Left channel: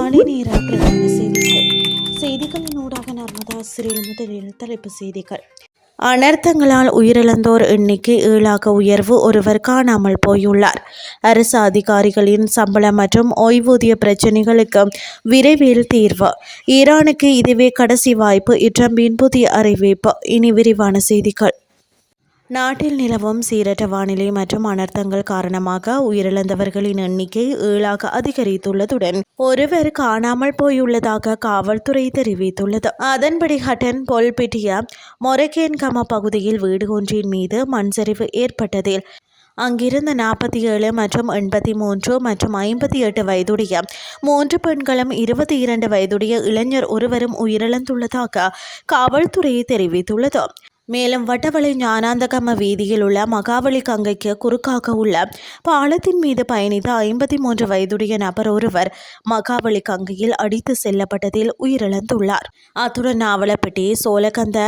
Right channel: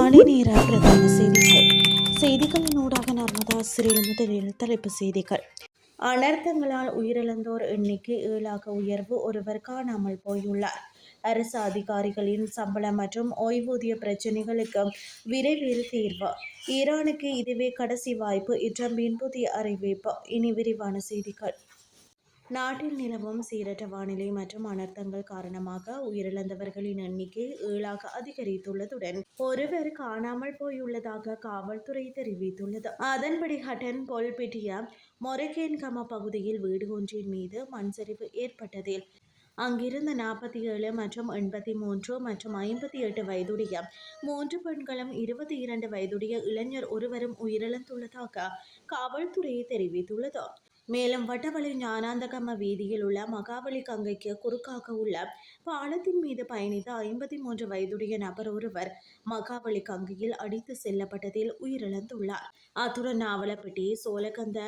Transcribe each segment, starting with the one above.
காலை நேர பிரதான செய்திகளின் ஊடாக நர்மதா சிறில் முதலில் தலைப்பு செய்திகள். அனர்த்தங்களால் உயிரிழந்தோர் எண்ணிக்கை 7ஆக உயர்வு, ஒருவர் காணாமல் போயுள்ளார். அரசு அதிகாரிகளின் சம்பளம் மற்றும் ஓய்வூதிய பிரச்சினைகளுக்கு விரைவில் தீர்வு. ஈரானுக்கு இதுவே கடைசி வாய்ப்பு, ட்ரம்பின் புதிய அறிவிப்பு. இனி விரிவான செய்திகள். நாட்டில் நிலவும் சீரற்ற வானிலை மற்றும் அனர்த்தங்கள் காரணமாக உயிரிழந்தவர்களின் எண்ணிக்கை 7ஆக அதிகரித்துள்ளதுடன் ஒருவர் காணாமல் போயுள்ளதாக காவல்துறை தெரிவித்துள்ளது. அதன்படி ஹட்டன் பொல்பிட்டிய மொரகேன்கம பகுதியில் வீடு ஒன்றின் மீது மண் சரிவு ஏற்பட்டதில் அங்கிருந்த 47 மற்றும் 83 மற்றும் 58 வயதுடைய 3 பெண்களும் 22 வயதுடைய இளைஞர் ஒருவரும் உயிரிழந்துள்ளதாக காவல்துறை தெரிவித்துள்ளது. மேலும் வட்டவளை ஞானாந்தகம வீதியில் உள்ள மகாவலி கங்கைக்கு குறுக்காக உள்ள பாலத்தின் மீது பயணித்த 53 வயதுடைய நபர் ஒருவர் மகாவலி கங்கையில் அடித்து செல்லப்பட்டதில் உயிரிழந்துள்ளார். அத்துடன் நாவலப்பட்டி சோலகந்த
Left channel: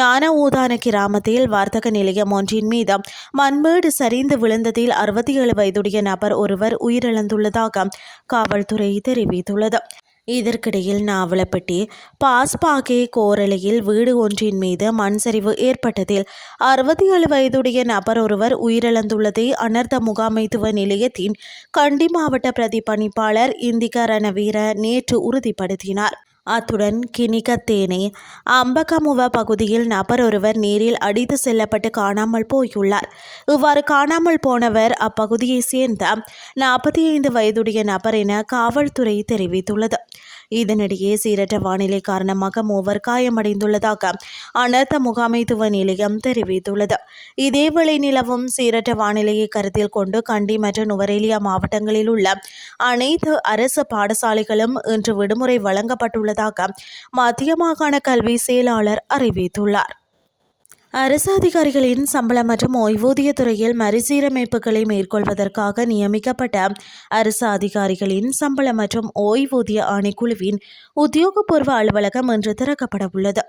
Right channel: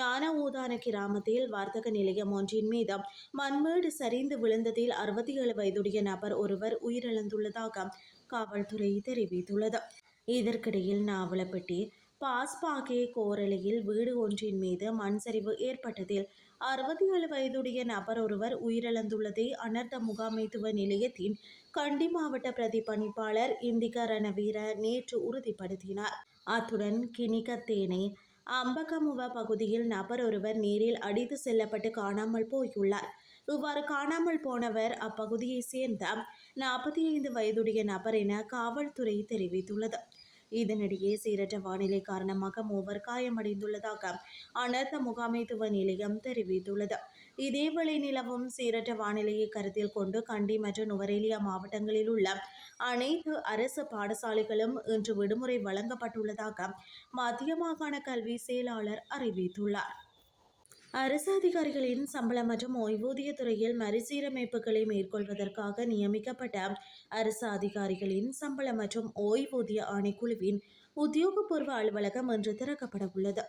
ஞான ஊதான கிராமத்தில் வர்த்தக நிலையம் ஒன்றின் மீது மண்மேடு சரிந்து விழுந்ததில் 67 வயதுடைய நபர் ஒருவர் உயிரிழந்துள்ளதாக காவல்துறை தெரிவித்துள்ளது. இதற்கிடையில் நாவலப்பட்டி பாஸ்பாகே கோரளையில் வீடு ஒன்றின் மீது மண் சரிவு ஏற்பட்டதில் 67 வயதுடைய நபர் ஒருவர் உயிரிழந்துள்ளதை அனர்த்த முகாமைத்துவ நிலையத்தின் கண்டி மாவட்ட பிரதிபலிப்பாளர் இந்திக ரணவீர நேற்று உறுதிப்படுத்தினார். அத்துடன் கினிகத்தேனே அம்பகமுவ பகுதியில் நபர் ஒருவர் நீரில் அடித்து செல்லப்பட்டு காணாமல் போயுள்ளார். இவ்வாறு காணாமல் போனவர் அப்பகுதியை சேர்ந்த 45 வயதுடைய நபர் என காவல்துறை தெரிவித்துள்ளது. இதனிடையே சீரற்ற வானிலை காரணமாக 3 காயமடைந்துள்ளதாக அனர்த்த முகாமைத்துவ நிலையம் தெரிவித்துள்ளது. இதேவேளை நிலவும் சீரற்ற வானிலையை கருத்தில் கொண்டு கண்டி மற்றும் நுவரெலியா மாவட்டங்களில் உள்ள அனைத்து அரசு பாடசாலைகளும் இன்று விடுமுறை வழங்கப்பட்டுள்ளதாக மத்திய மாகாண கல்வி செயலாளர் அறிவித்துள்ளார். அரசு அதிகாரிகளின் சம்பளம் மற்றும் ஓய்வூதிய துறையில் மறுசீரமைப்புகளை மேற்கொள்வதற்காக நியமிக்கப்பட்ட அரசு அதிகாரிகளின் சம்பளம் மற்றும் ஓய்வூதிய ஆணைக்குழுவின் உத்தியோகபூர்வ அலுவலகம் இன்று திறக்கப்பட உள்ளது.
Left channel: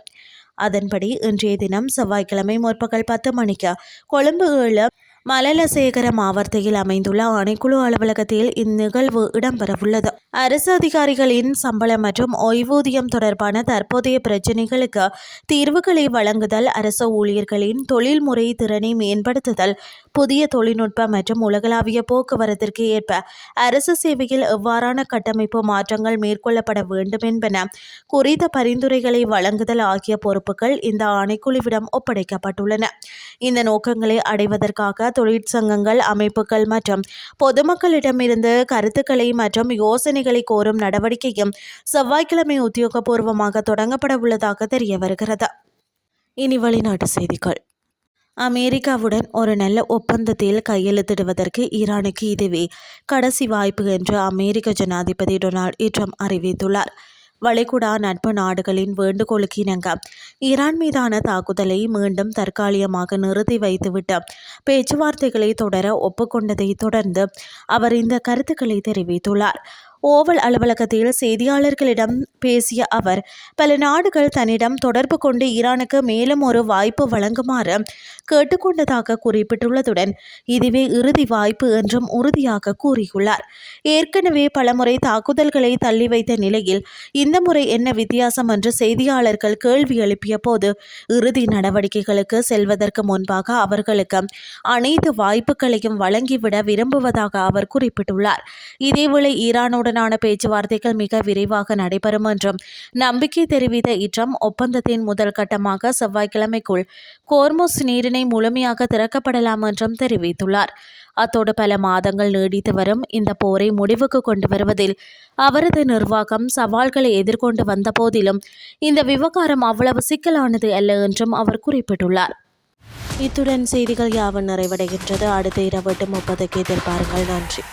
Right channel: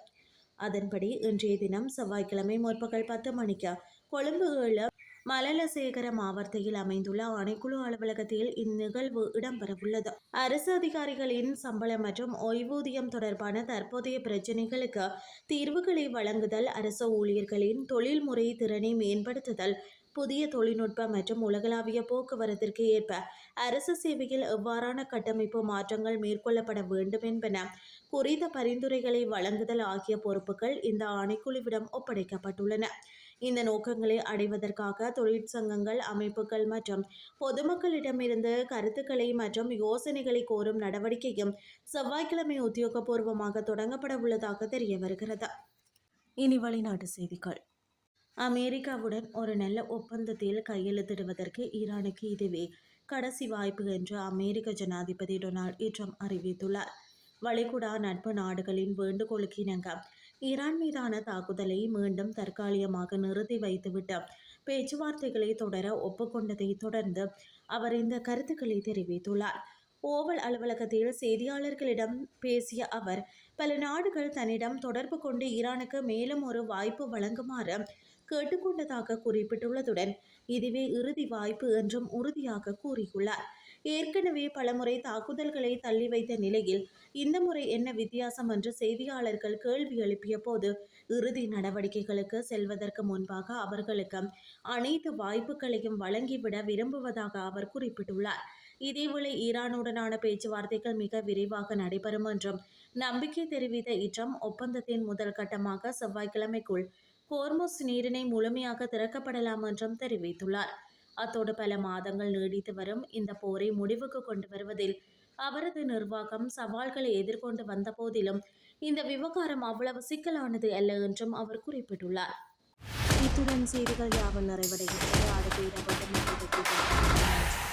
அதன்படி இன்றைய தினம் செவ்வாய்க்கிழமை முற்பகல் 10 மணிக்கு கொழும்பு 7 மலலசேகர மாவட்டத்தில் அமைந்துள்ள ஆணைக்குழு அலுவலகத்தில் இந்நிகழ்வு இடம்பெறவுள்ளது. அரசு அதிகாரிகளின் சம்பளம் மற்றும் ஓய்வூதியம் தொடர்பான தற்போதைய பிரச்சினைகளுக்கு தீர்வுகளை வழங்குதல், அரசு ஊழியர்களின் தொழில்முறை திறனை மேம்படுத்துதல், புதிய தொழில்நுட்ப மற்றும் உலகளாவிய போக்குவரத்திற்கு ஏற்ப அரசு சேவையில் எவ்வாறான கட்டமைப்பு மாற்றங்கள் மேற்கொள்ளப்பட வேண்டும் என்பன குறித்த பரிந்துரைகளை வழங்குதல் ஆகிய பொறுப்புகள் இந்த ஆணைக்குழுவிடம் ஒப்படைக்கப்பட்டுள்ளன. இந்த நோக்கங்களை அடைவதற்காக தொழிற்சங்கங்கள், அமைப்புகள் மற்றும் பொதுமக்களிடமிருந்து கருத்துக்களை மற்றும் யோசனைகளை கோரும் நடவடிக்கையும் செவ்வாய்க்கிழமை உத்தியோகபூர்வமாக தொடங்கப்பட உள்ளதாக தெரிய வருகிறது. இனி வெளிநாட்டு செய்திகள். அமெரிக்காவுடன் ஒரு நல்ல ஒப்பந்தத்தில் கையெழுத்திடுவதற்கு ஈரானுக்கு இதுவே கடைசி வாய்ப்பு என்று அமெரிக்க ஜனாதிபதி டொனால்ட் ட்ரம்ப் அறிவித்துள்ளார். வளைகுடா நட்பு நாடுகளின் வேண்டுகோளுக்கு இணங்க ஈரான் மீதான தாக்குதலை மீண்டும் தற்காலிகமாக நிறுத்தி வைத்துவிட்டு பேச்சுவார்த்தைகளை தொடர ஒப்புக்கொண்டதை தொடர்ந்து அவர் இந்த கருத்துக்களை தெரிவித்துள்ளார். ஓவல் அலுவலகத்தில் செய்தியாளர்களிடம் பேசிய அவர், பல நாடுகள் தன்னிடம் தொடர்பு கொண்டு ஈரானுக்கு மேலும் ஒரு வாய்ப்பு வழங்குமாறு கேட்டுக்கொண்டதாக குறிப்பிட்டுள்ளதுடன் இதுவே இறுதி வாய்ப்பு என்றும் உறுதியாக கூறியுள்ளார். ஏற்கனவே பலமுறை தாக்குதல்களை தள்ளி வைத்த நிலையில் இந்த முறை என்ன வித்தியாசம் என்று செய்தியாளர்கள் கேள்வி எழுப்பிய போது, இறுதி நடவடிக்கைகளுக்கு செல்வதற்கு முன்பாக அவர்களுக்கு அனைத்து வாய்ப்புகளையும் வழங்கிவிட விரும்புவதாக அவர் குறிப்பிட்டுள்ளார். இதேவேளை ஈரானுடன் பேச்சுவார்த்தைகள் மிக விரைவாக நடைபெறும் என்றும் நம்பிக்கை தெரிவித்த ட்ரம்ப், ஒப்பந்தத்தின் முதல் கட்டமாக செவ்வாய்க்கிழமைக்குள் கோர்முஸ் நீரிணை முழுமையாக திறக்கப்படலாம் என்றும் தெரிவித்துள்ளார். அத்தோடு பல மாதங்கள் நீடித்து வரும் இந்த போரை முடிவுக்கு கொண்டு வருவதில் அவரது நிர்வாகம் சவால்களை எதிர்கொண்டு வந்த போதிலும் இந்த விவகாரம் அவ்வளவு சிக்கலானது அல்ல என்றும் அவர் குறிப்பிட்டுள்ளார். இத்துடன் செய்திகள் யாவும் நிறைவடைகின்றது. அடுத்த இரவு 8:30 எதிர்பாருங்கள். நன்றி.